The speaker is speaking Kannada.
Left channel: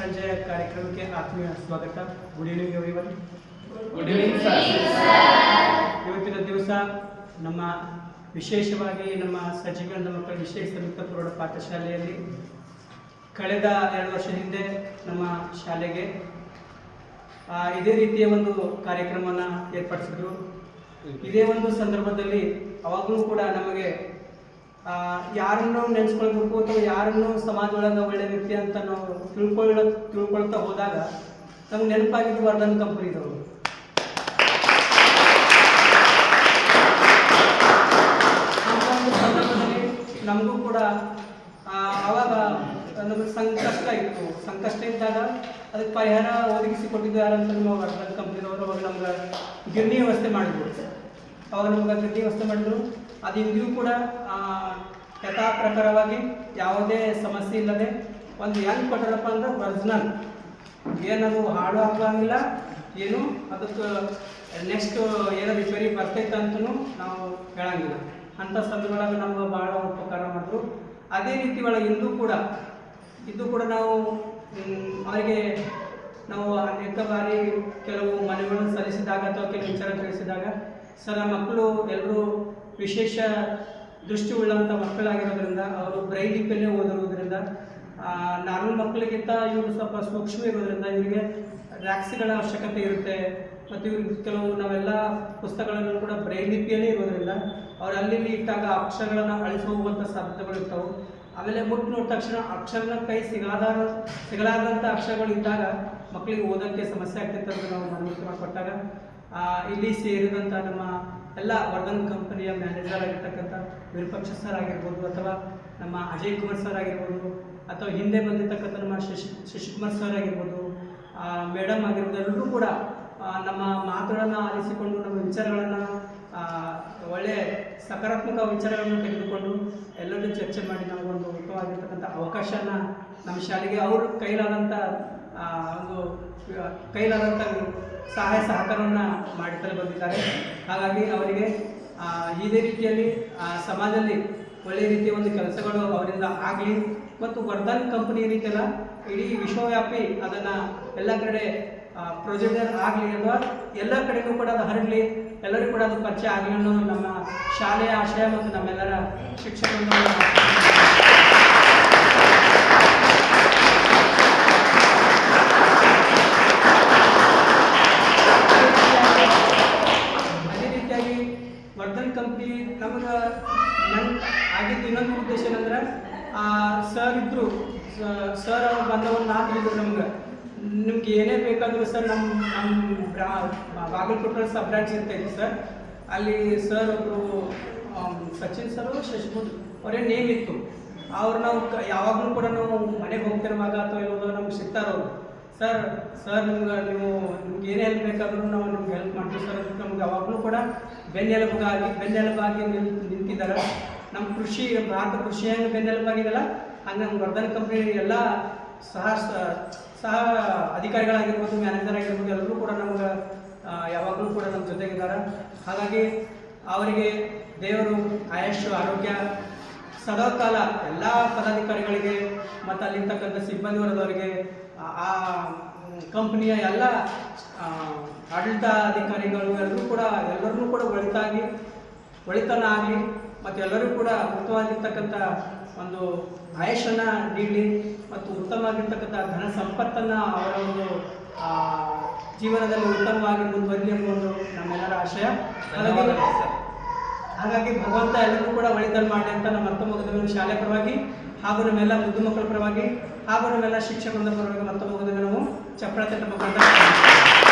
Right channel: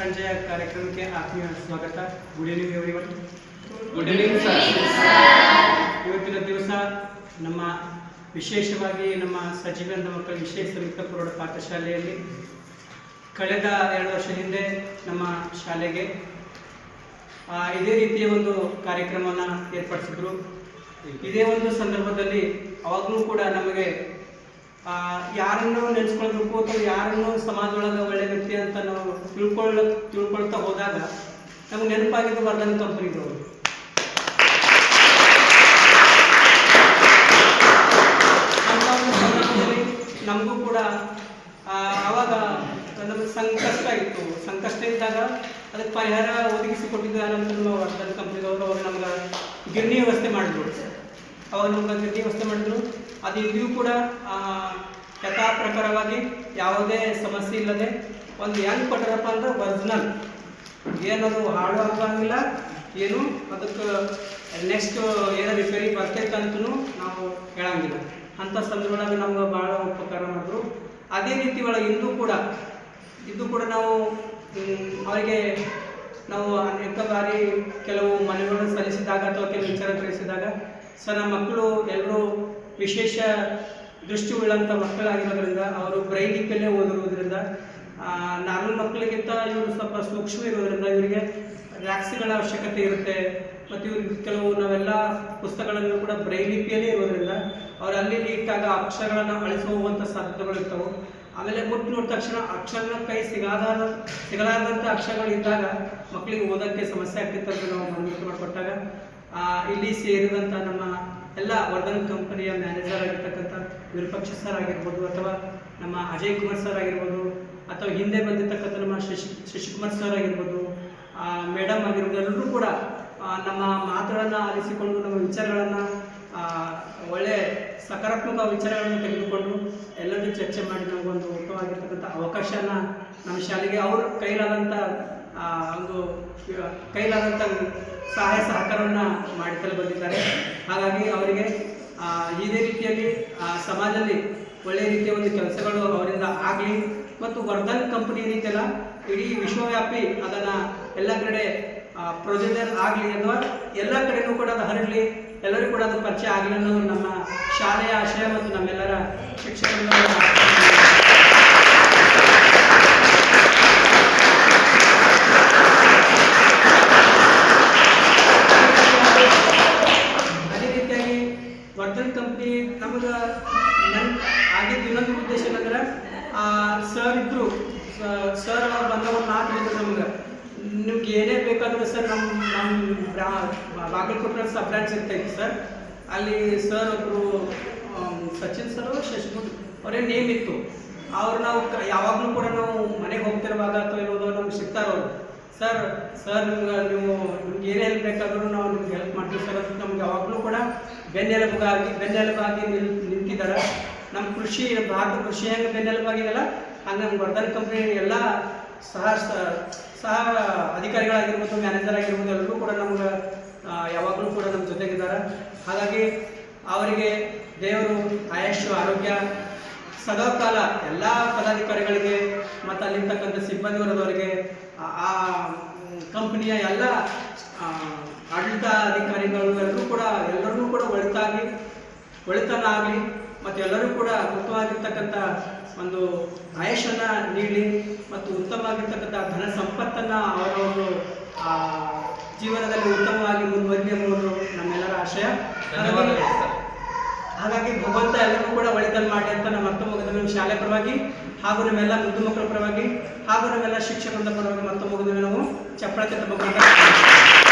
ಸಂಜೆಯ ಕಾರ್ಯಕ್ರಮಕ್ಕೆ ಆತ್ಮೀಯ ಸ್ವಾಗತ. Good evening everyone good evening sir ಇವತ್ತಿನ ದಿವಸ ನಮ್ಮ ವಿಶೇಷವಾಗಿ ನಮ್ಮ ಸಚಿವಾನಂದ ಮಕ್ಕಳ ವಿಶೇಷ ಸಂಯುಕ್ತ ಪ್ರೌಢ ಪಾಠಶಾಲೆಯಲ್ಲಿ ಕಳೆದ ಎರಡು ವರ್ಷ ಹಿಂದೆ ನಮ್ಮ ಶಾಲೆಗೆ ಇದೇ ರೀತಿಯ ಒಂದು ಕಾರ್ಯಕ್ರಮವನ್ನು ಏರ್ಪಡಿಸಿದ್ರು. ಇದೇ ಒಂದು ಸಂದರ್ಭದಲ್ಲಿ ಅವಾಗಲೂ ಕೂಡ ನಮಗೆ ಯಾರನ್ನು ನೆನೆಸ್ಕೊಳ್ಬೇಕು ಅಥವಾ ಸಮಾಜ ಸಮಾಜದೊಳಗೆ ಒಳ್ಳೆ ವ್ಯಕ್ತಿ ಅಂತ ನಾವು ತಿಳ್ಕೊಳ್ಳ, ತಿಳ್ಕೊಳ್ತಾ ಹೋದಾಗ ನಮ್ಗೆ ನೆನಪಾಗಿದ್ದು ವರ್ಧನ್ ಕಂಪನಿದವರು ಸಂದರ್ಭದಲ್ಲಿ ನಮಗೂ ಕೂಡ ಆವಾಗ ನಮಗೆ ಸಂಕಷ್ಟ ಇತ್ತು. ಸಂಕಷ್ಟ ಇದ್ದಾಗ ಅದಕ್ಕೆ ಪರಿಹಾರ ಒದಗಿಸಿ ಕೊಟ್ಟಿದ್ದಾರೆ ಅಂತ ನಮ್ಮ ವರ್ಧನ್ ಕಂಪನಿದವರು ಅವಾಗ ನಮ್ಗೆ ಗಿರಣಿ ವ್ಯವಸ್ಥೆ ಮಾಡಿದ್ರು. ಅವಾಗ ನಮ್ಗೆ ಅದಕ್ಕೆ ವ್ಯವಸ್ಥೆ ಮಾಡಿದ್ರು. ಅದು ಇಂದಿಗೂ ಕೂಡ ಯಥಾ ಪ್ರಕಾರವಾಗಿ ಯಾವುದೇ ಸಮಸ್ಯೆ ಇಲ್ಲದೆ ಒಂದು ಹೆಂಗೆ ಕೊಟ್ಟಾರಪ್ಪ ಅಂದ್ರೆ ಒರಿಜಿನಲ್. ಏನದು ಹಾಳು ಆಗಂಗಿಲ್ಲ ಏನು ಅದಕ್ಕೆ ನೆಕ್ಸ್ಟ್ ಏನೋ ರಿಪೇರಿ ಬರ್ತೈತೆ ನಾವು ಹೇಳಂಗಿಲ್ಲ. ಅಂಥ ಸಂದರ್ಭದಾಗ ನಮ್ಗೆ ಭಾಳ ಉಪಕಾರ ಮಾಡಿದ್ರು. ಅದೇ ರೀತಿ ಒಳಗೆ ಇಂದು ಕೂಡ, ಇದು ಕೂಡ ನಾವು ಅವರಿಗೆ ನಾವು ಅನೇಕ ಬಾರಿ ಕೆಲವು ಮನೆಗಳನ್ನು ಸಲ್ಲಿಸಿದಾಗ ಅಥವಾ ಕೆಲವು ವಿಚಾರ ತಿಳಿಸಿದಾಗ ಸರ್, ನಮ್ಮ ಮಕ್ಕಳು ಎಲ್ಲರೂ ವಿಶೇಷ ದೃಷ್ಟಿ ಉಳ್ಳಂಥ ಮಕ್ಕಳಾಗಿರೋದ್ರಿಂದ ಅವರು ಬ್ರೈನ್ ಲಿಪಿಯಲ್ಲೇ ಓದಿರೋದ್ರಿಂದ ನಾರ್ಮಲ್ ಮಕ್ಕಳಿಗಿಂತ ಇವರು ಸ್ವಲ್ಪ ಸೂಕ್ಷ್ಮ ಇರೋದ್ರಿಂದ ಇವರಿಗೆ ರ್ಯಾಕ್ಸ್ಗಳ ಅವಶ್ಯಕತೆ ಇರುತ್ತೆ. ಮತ್ತು ಇವ್ರಿಗೆ ಕೆಲವು ನಾವೆಲ್ಲ ಪುಸ್ತಕಗಳನ್ನು ಕೂಡ ಬ್ರೈನ್ ಲಿಪಿಯಲ್ಲೇ ಇರೋದ್ರಿಂದ ಅವ್ರು ಅಲ್ಲಿ ಇಟ್ಟಾಗ ಅಕ್ಷರಗಳನ್ನು ಅಳಿಸುವಂಥ ಸಾಧ್ಯತೆಗಳು ಇರ್ತವೆ. ಆಮೇಲೆ ಮುಟ್ಟು ನೋಡಿದ ತಕ್ಷಣ ಅಕ್ಷರನ ಕೈ ಸಿಗಾದ ಸಿಗಲಾರದಂಥ ಅಕ್ಷರಗಳು ಇದ್ದಾಗ ಮಕ್ಕಳಿಗೆ ಓದೋಕ್ಕೆ ಸಮಸ್ಯೆ ಆಗ್ತಿತ್ತು ಅಂತ ನಾವು ಮನವರಿಕೆ ಮಾಡಿಕೊಟ್ಟಾಗ. ಇಲ್ಲಿ ಸೇರಿದಂಥ ನಮ್ಮ ಎಲ್ಲ ವರ್ಧನ್ ಕಂಪನಿಯ ಮ್ಯಾನೇಜರ್ ಆಗಿರ್ತಕ್ಕಂಥ ವಿರೂಪಾಕ್ಷ ಸರ್ ಆಗಿರ್ಬೋದು ಅಥವಾ ನಮ್ಮ ಅಜಯ್ ಕುಮಾರ್ ಸರ್ ಆಗಿರ್ಬೋದು ಅಥವಾ ಹಿಂದೆ ಬಂದಿರ್ತಕ್ಕಂಥ ನಮ್ಮ ಶಶಿ, ಶಶಿಕುಮಾರ್ ಸರ್ ಆಗಿರ್ಬೋದು ಮೇಡಮ್ ಆಗಿರ್ಬೋದು, ಎಲ್ಲರೂ ಕೂಡ ನಮ್ಮ ಮಾತುಗಳನ್ನು ಆಲಿಸಿಕೊಂಡು, ನಮ್ಮ ವಿಚಾರಗಳನ್ನು ಒಳ್ಳೆ ಸಕಾರಾತ್ಮಕ ವಿಚಾರಗಳನ್ನು ತೆಗೆದುಕೊಂಡು ಎಲ್ಲರೂ ಚರ್ಚೆ ಮಾಡಿ ನಮಗೊಂದು ಉತ್ತಮವಾಗಿರ್ತಕ್ಕಂಥ ಅವಕಾಶನ ನಮ್ಮ ಶಾಲೆಗೆ ಅವ್ರ ಕೈಲಾದಂಥ ಒಂದು ಕೈಲಾದಂಥ ಸಹಾಯ ಸಹಕಾರವನ್ನು ಮಾಡುತ್ತಲೇ ಬಂದಿದ್ದಾರೆ. ಹಾಗಾಗಿ ಅವರಿಗೆ ಇದೇ ರೀತಿಯಲ್ಲಿ ಸಮಾಜದಲ್ಲಿ ಒಳ್ಳೆಯ ರೀತಿಯ ಒಂದು ಕೆಲಸಗಳು ಅವರಿಂದ ಆಗಲಿ ಮತ್ತು ವರ್ಧನ್ ಕಂಪನಿ ರೀತಿಯಲ್ಲ ಇಡೀ ವಿಶ್ವವ್ಯಾಪಿ ಅದನ್ನು ಎಲ್ಲ ಕಡೆ ಪ್ರೊಜೆಕ್ಟರ್ ಆಗಲಿ ಅಥವಾ ಎಲ್ಲ ಕಡೆಗೂ ಕೂಡ ಅದು ಹರಡಲಿ ಎಲ್ಲರಿಗೂ ಕೂಡ ಅದು ಪರಿಚಯ ಆಗಲಿ ಅನ್ನೋದು ನಮ್ಮ ಶಾಲೆಯ ಆಶಯ ಮತ್ತು ನಮ್ಮೆಲ್ಲರ ಶಿಕ್ಷಕರ ಅದೇ ರೀತಿಯಾಗಿ ವರ್ಧನ್ ಕಂಪ್ನಿ ನಮಗೆ ನನ್ನ ಆಗಿದ್ದು ಇನ್ನೊಂದು ಉದ್ದೇಶ ಏನಂದ್ರೆ ಸರ್ ಇದ್ರು ಸರ್ ಅವ್ರು ಬಂದ ಒಂದು ಮಾತು ಹೇಳಿದ್ರು ನಮ್ಗೆ. ನಿಮ್ಗೆ ಏನೇ ಬೇಕಾದರೂ ಸರ್ ನಮ್ಮ ನಮ್ಮ ಬಾಗಲಕೋಟೆ ಸಬ್ ಬ್ರಾಂಚ್ ಇರ್ತೈತಿ ಸರ್ ಅಲ್ಲಿ ಸರ್ ಒಬ್ಬರು ಸಚಿನ್ ಸರ್ ಶಶಿಭೂತ್ ಅವರೇ ನೇಮ್ ಇತ್ತು. ಅವ್ರು ನಾವು ಯಾವಾಗಲೂ ಕೂಡ ನಾವು ಮನೆಗೆ ಹೋಗ್ತಿರುವಾಗ ಅಥವಾ ಇರೋದು ನಮ್ಗೆ ಸಿಗ್ತಾರವ್ರು ಸರ್ ಸರ್ ನಿಮ್ಗೆ, ನೀವು, ನಿಮ್ಗೆ ಏನೇ ಹೆಲ್ಪ್ ಬೇಕಾದರೂ ನಾವು ನಿಮ್ಗೆ ಹೆಲ್ಪ್ ಮಾಡ್ತೀವಿ ಸರ್ ಅಂತ ನಮ್ಗೆ ಯಾವಾಗಲೂ ಕೂಡ ಬೆನ್ನೆಲುಬಾಗಿ ಬೆನ್ನೆಲುಬಾಗಿ ನಿಲ್, ನಿಂತಿದ್ದಾರೆ. ನಮ್ಮ ಕೃಷಿ, ಭಾರತ ಕೃಷಿ ಹೆಂಗೆ ಬೆನ್ನೆಲುಬಾಗಿದೆಯಲ್ಲ ಹಂಗೆ ನಮ್ಮ ವರ್ಧನ್ ಕಂಪ್ನಿ ಎಲ್ಲ ಸಹ ಸಹ ಅಧಿಕಾರಿಗಳಾಗಿರ್ಬೋದು ಮ್ಯಾನೇಜರ್ ಆಗಿರ್ಬೋದು, ಎಲ್ಲರೂ ಕೂಡ ನಮ್ಗೆ ಯಾವಾಗಲೂ ಕೂಡ ನಮ್ಮ ಜೊತೆಗಿದ್ದಾರೆ. ಹಾಗಾಗಿ ಅವರಿಗೆ ದೇವರು ಆಯುಷ್ ಆರೋಗ್ಯ ಸದಾಕಾಲ ಎಲ್ಲ ಪದಾಧಿಕಾರಿಗಳಿಗೆ ಮತ್ತು ಅಲ್ಲಿರ್ತಕ್ಕಂಥ ಸಿಬ್ಬಂದಿ ವರ್ಗದವರಿಗೆ ಆ- ಕಂಪ್ನಿಯ ಎಲ್ಲ ಆ, ಆಡಳಿತ ಅಧಿಕಾರಿಗಳು ಎಲ್ಲರೂ ಕೂಡ ಎಲ್ಲರಿಗೂ ಕೂಡ ಒಳಿತಾಗಿ ಒಳಿತನ ಆಗಲಿ ಮತ್ತು ಎಲ್ಲರೂ ಕೂಡ ಉತ್ತಮವಾಗಿರ್ತಕ್ಕಂಥ ಒಂದು ಆಯಶನ ನೀಡಲಿ ಮತ್ತು ಉತ್ತಮವಾಗಿರ್ತಕ್ಕಂಥ ಧನ ಸಂಪತ್ತನ್ನು ಅವರ ಒಂದು ಜೀವನದಲ್ಲಿ ಉತ್ತಮವಾಗಿ ಮುಂದುವರಿಲಿ ಅನ್ನೋದು ನಮ್ಮೆಲ್ಲರ ಆಶಯ ಧನ್ಯವಾದಗಳು ಹಾಗಾಗಿ- ಸರ್ ಹಾಗಾಗಿ ಭಗವಂತ ಎಲ್ಲರೂ ಒಳಿತನ್ನು ಮಾಡಿ ಅಂತ ನಮ್ಮ ಮತ್ತೊಮ್ಮೆ ನಮ್ಮ ಶಾಲೆ ಪರವಾಗಿ, ಹಾಗೂ ನಮ್ಮೆಲ್ಲ ಮುದ್ದು ಮಕ್ಕಳ ಪರವಾಗಿ, ಹಾಗೂ ನಮ್ಮೆಲ್ಲ ಶಿಕ್ಷಕರ ಪರವಾಗಿ ಮತ್ತೊಮ್ಮೆ ನಾವು ಚಪ್ಪಳ ತಟ್ಟಬೇಕು